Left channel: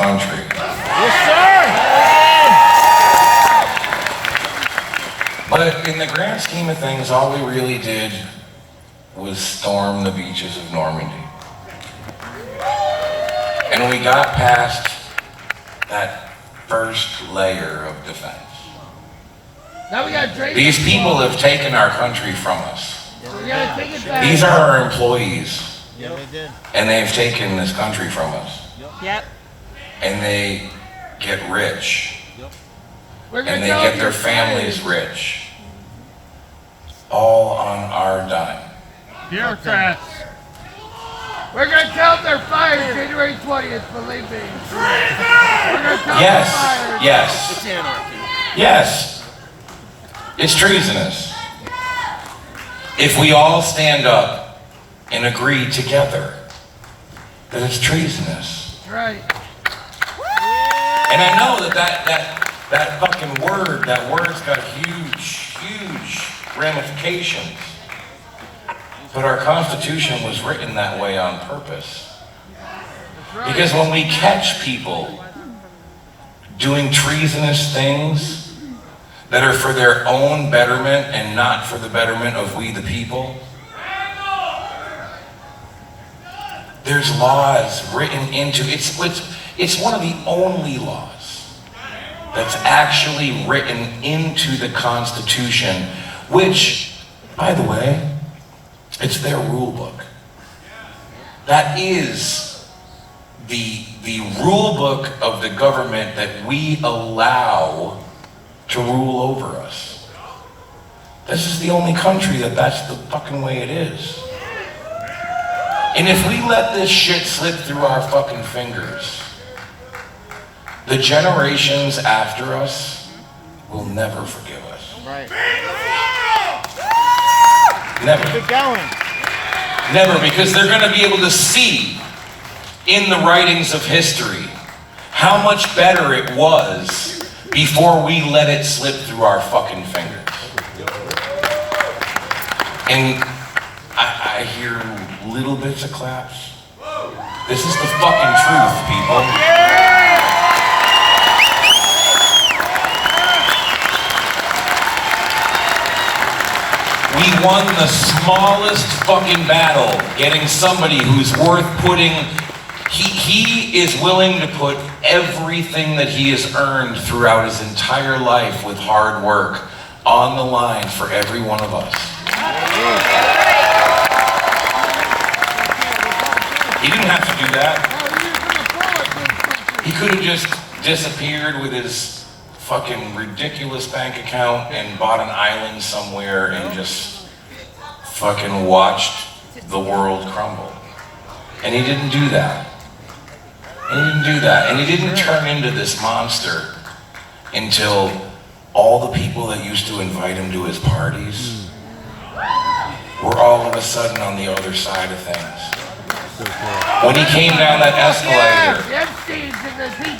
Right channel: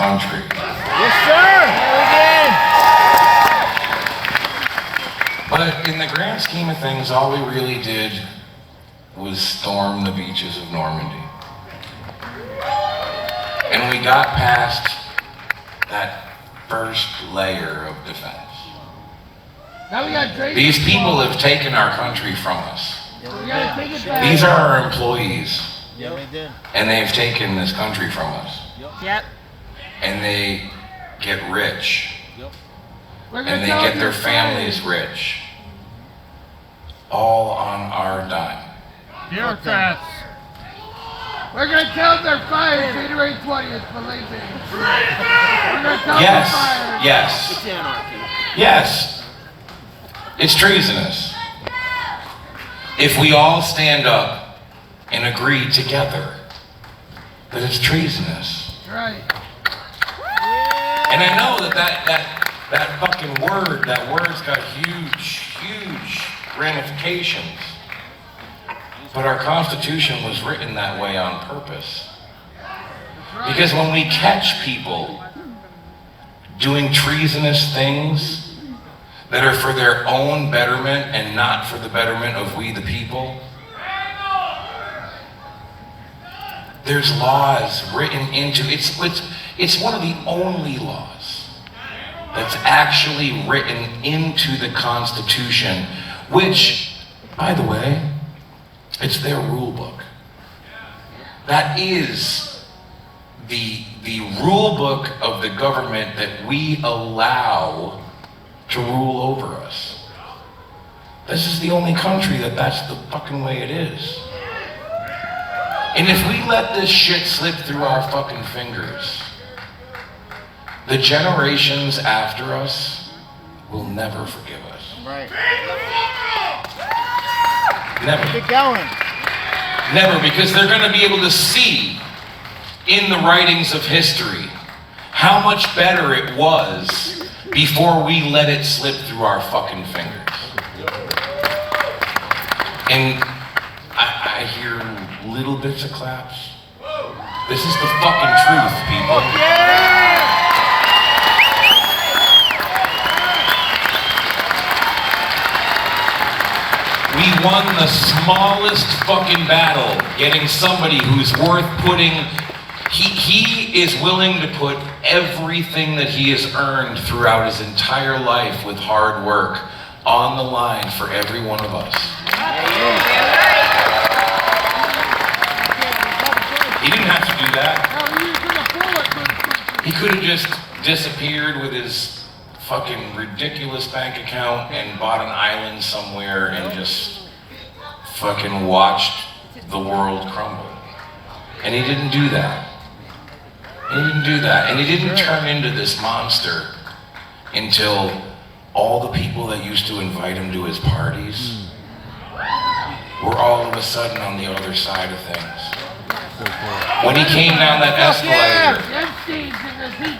country. Yes, sir. But in the grand scheme of things, all we really did was storm the beaches of Normandy. And we got past that first layer of defense. Now we got Drake. These people have taken our country from us. We gotta take it back. These are our employees. Yeah, they did. And they've taken this country from us. Yep. And they get rich. We're gonna And they tell get them their you're families fired. rich. All on our dime. Bureaucrats. We're gonna tell them they're fired January 20th, believe me. We're gonna tell them they're fired. Yes, It's anarchy. yes. It's treasonous. If we all stand up and agree together that it's treasonous. Right. And I know that fucking word, that word's got huge ramifications. But our Constitution was written that way on purpose. That's right. Because when we catch people doing treasonous things that are for their own betterment and not for the betterment of we the people, there's laws written into it's one of the only laws that's actually written into the Constitution, which, by the way, it's their rule book. That is the rule book of the government that we allow to rule over us. This is the only country that's the fucking way it is. And if we let this shit slip through our fucking fingers, the generations after us will never forgive us. Right. Never. Keep going. Never, because they're going to be able to see in the writings of history how much better it was before we let it slip through our fucking fingers. And I hear little bits of claps. This is the fucking truth, people. We won the smallest fucking battle, getting somebody who's worth putting, he is willing to put everything that he has earned throughout his entire life with hard work on the line for every one of us. He didn't have to do that. He could have just disappeared with his fucking ridiculous bank account and bought an island somewhere and just fucking watched the world crumble. And he didn't do that. And he didn't do that. And he didn't turn into this monster until all the people that used to invite him to his parties were all of a sudden on the other side of things. When he came down that escalator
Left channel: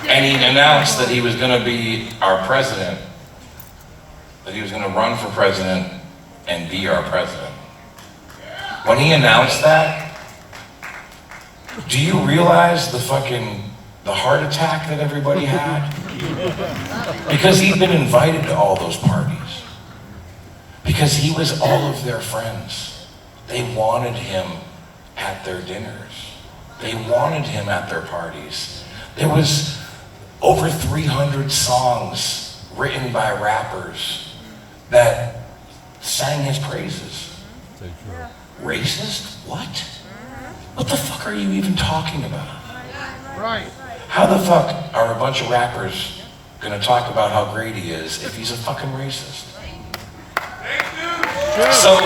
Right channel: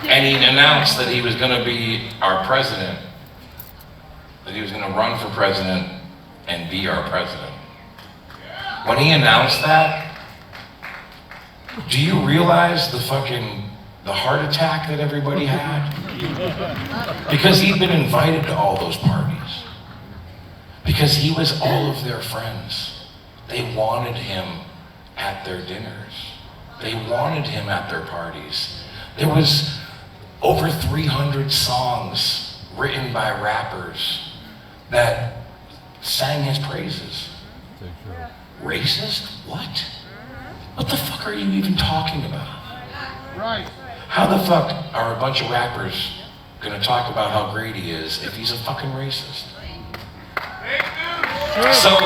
and he announced that he was going to be our president, that he was going to run for president and be our president. When he announced that, do you realize the heart attack that everybody had? Because he'd been invited to all those parties. Because he was all of their friends. They wanted him at their dinners. They wanted him at their parties. There was over 300 songs written by rappers that sang his praises. Racist? What? What the fuck are you even talking about? Right. How the fuck are a bunch of rappers gonna talk about how great he is if he's a fucking racist? So,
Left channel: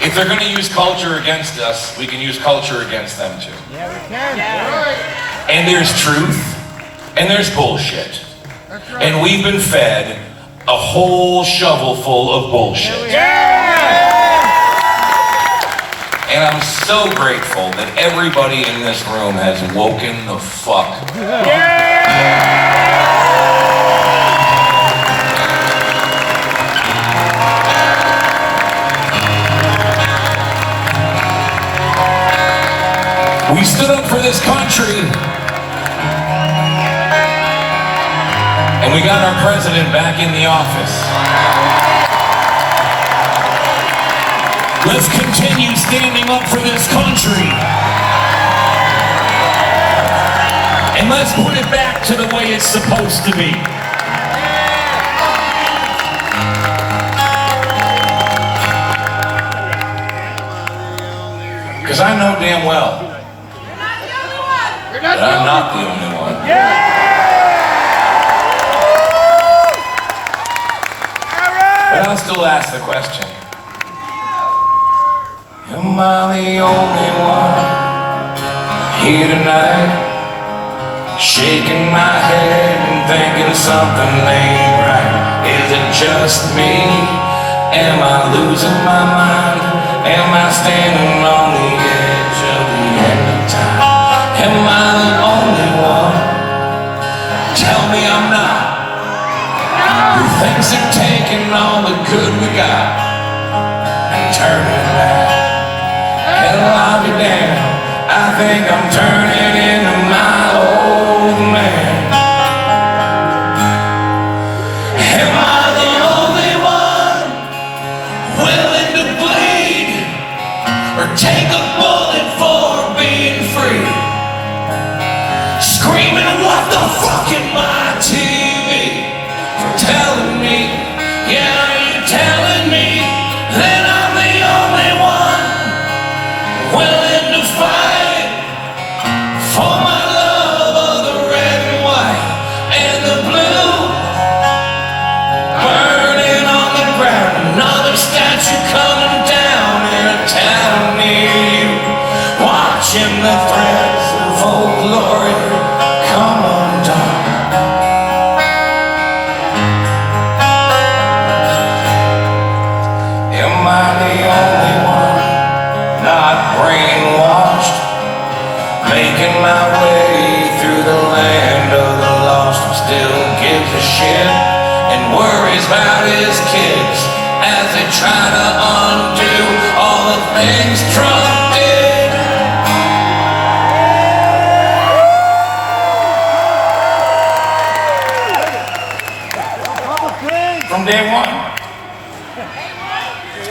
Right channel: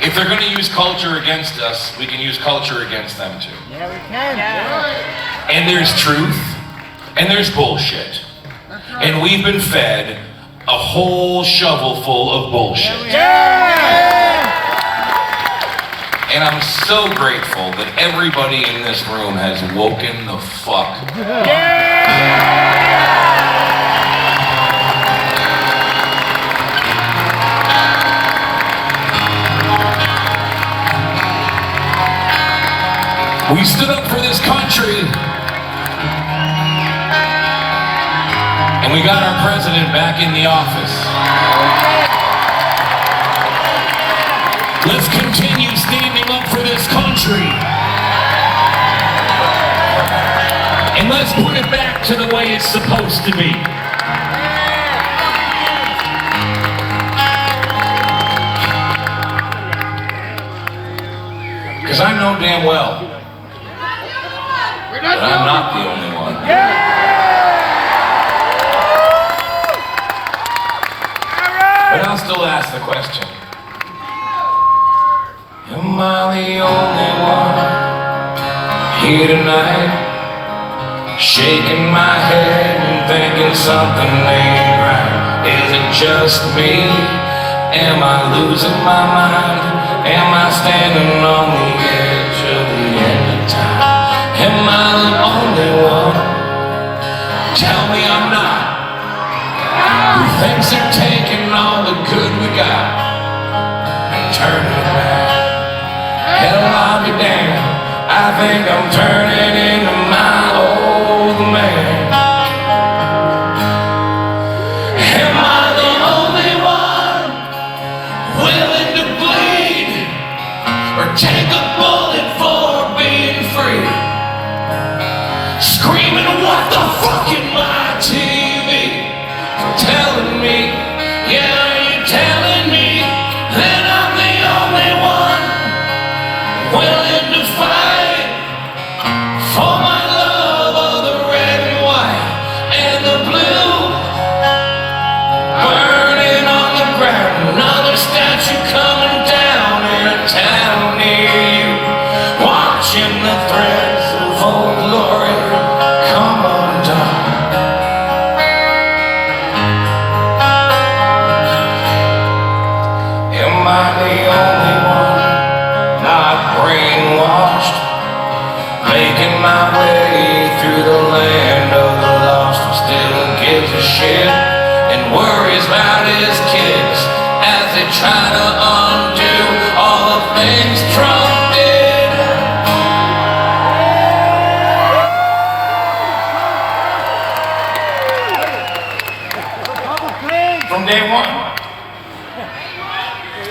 if they're gonna use culture against us, we can use culture against them too. Yeah, we can. And there's truth, and there's bullshit. That's right. And we've been fed a whole shovel full of bullshit. And I'm so grateful that everybody in this room has woken the fuck up. We stood up for this country And we got our president back in the office. Let's continue standing up for this country. And let's put it back to the way it's supposed to be. Because I know damn well that I'm not the only one. But I'll still ask the question. Am I the only one here tonight? Shaking my head and thinking something ain't right. Is it just me? Am I losing my mind? Am I standing on the edge of the end of time? Am I the only one? Tell me I'm not. Who thinks they're taking all the good we got and turning it back? Hell, I'll be damned. I think I'm turning into my old man. Am I the only one willing to bleed or take a bullet for being free? Screaming, what the fuck in my TV for telling me, yeah, are you telling me that I'm the only one willing to fight for my love of the red and white and the blue? Burning on the ground, another statue coming down in a town near you. Watching the threads of old glory come undone. Am I the only one not brainwashed, making my way through the land of the lost, and still gives a shit and worries about his kids as they try to undo all the things Trump did? From day one.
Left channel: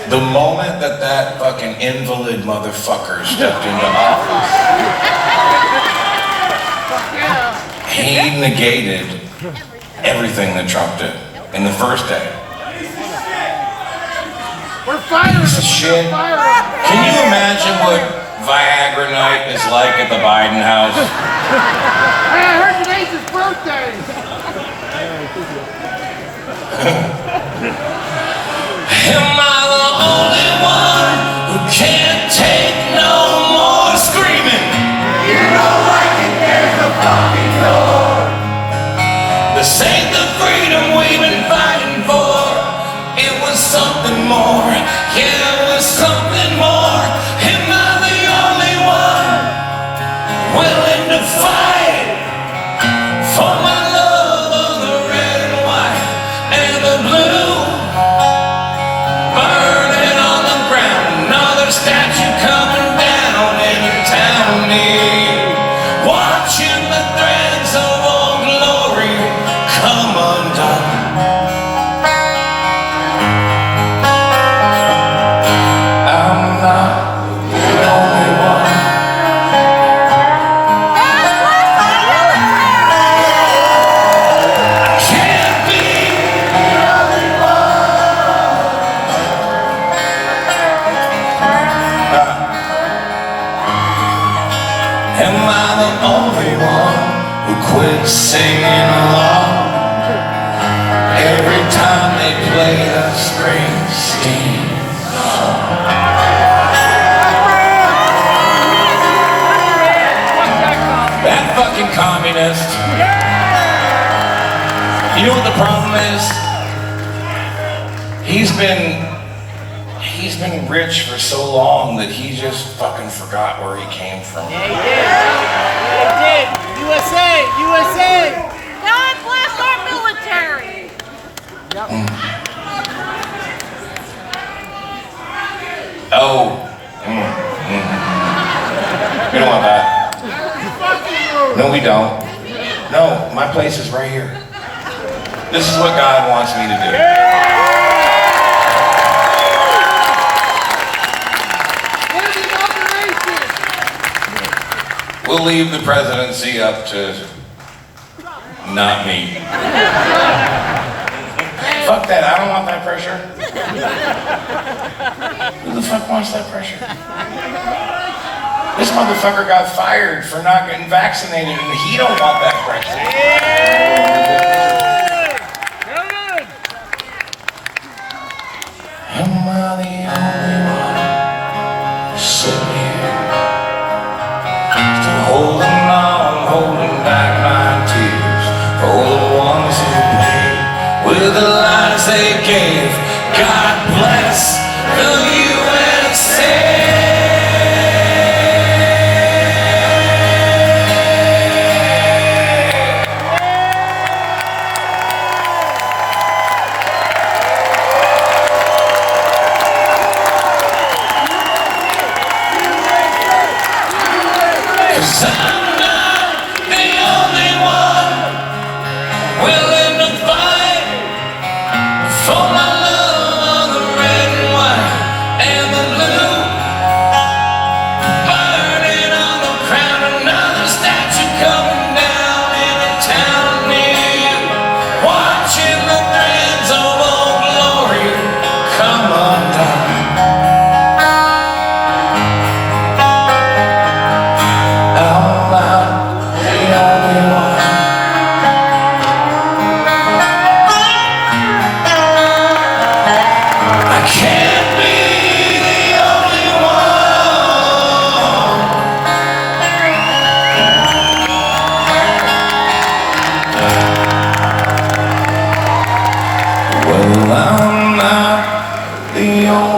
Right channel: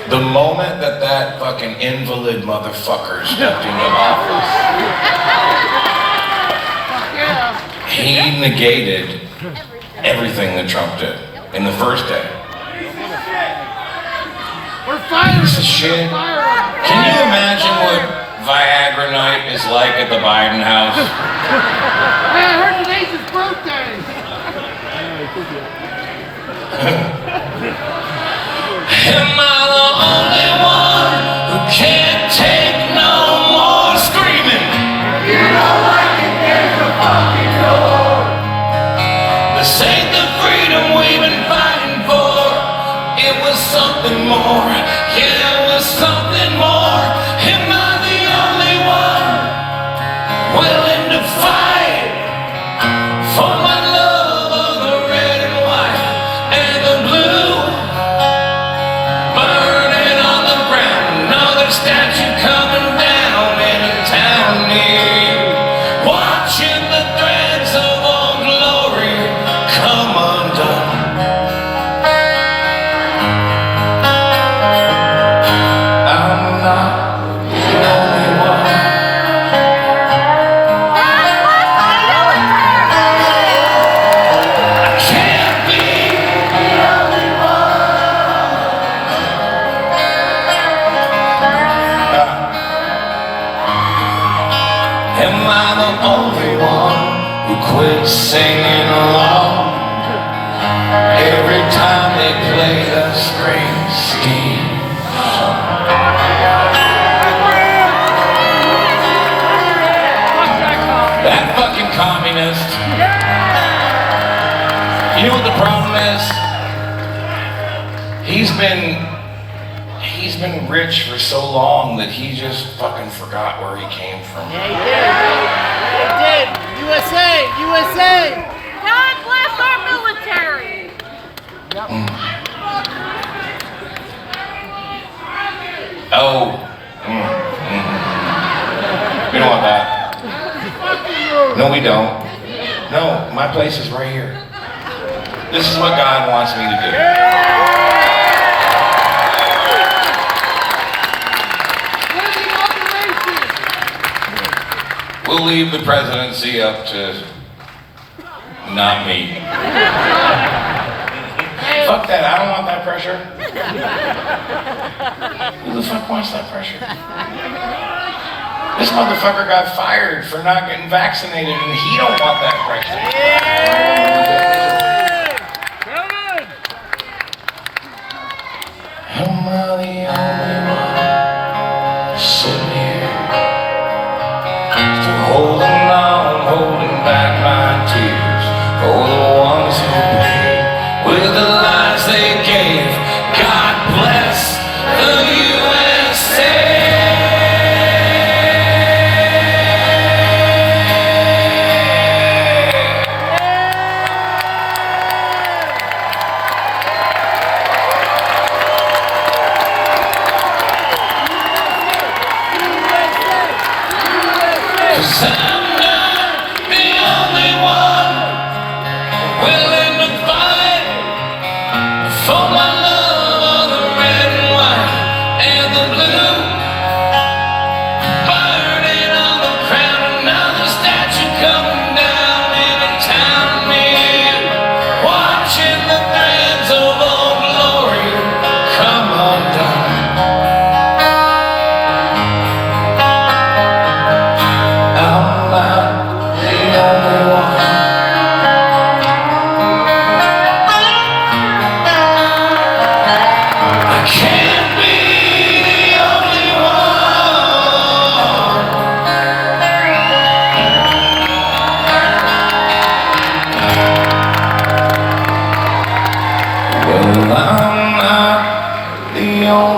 The moment that fucking invalid motherfucker stepped into office, he negated everything that Trump did in the first day. We're firing Piece of shit. We're firing. Can you imagine what Viagra night is like at the Biden house? Hey, I heard today's his birthday. Am I the only one who can't take no more screaming? You don't like it, there's a fucking door. This ain't the freedom we've been fighting for. It was something more. Yeah, it was something more. Am I the only one willing to fight for my love of the red and white and the blue? Burning on the ground, another statue coming down in a town near you. Watching the threads of old glory come undone. I'm not the only one. I can't be the only one. Am I the only one who quits singing along every time they play the Springsteen song? That fucking communist. You know what the problem is? He's been rich for so long that he just fucking forgot where he came from. Yeah, he did. USA! USA! God bless our military. Oh. We don't want that. No, we don't. No, my place is right here. This is what God wants me to do. Where's the inauguration? We'll leave the presidency up to not me. Fuck that, I don't want that pressure. Who the fuck wants that pressure? This motherfucker got fired for not getting vaccinated and he don't want that pressure. Am I the only one sitting here? Still holding on, holding back my tears for the ones who paid with the lives they gave. God bless the USA. Cause I'm not the only one willing to fight for my love on the red and white and the blue, burning on the crown, another statue coming down in the town near, watching the threads of old glory come undone. I'm not the only one. I can't be the only one. Well, I'm not the only one.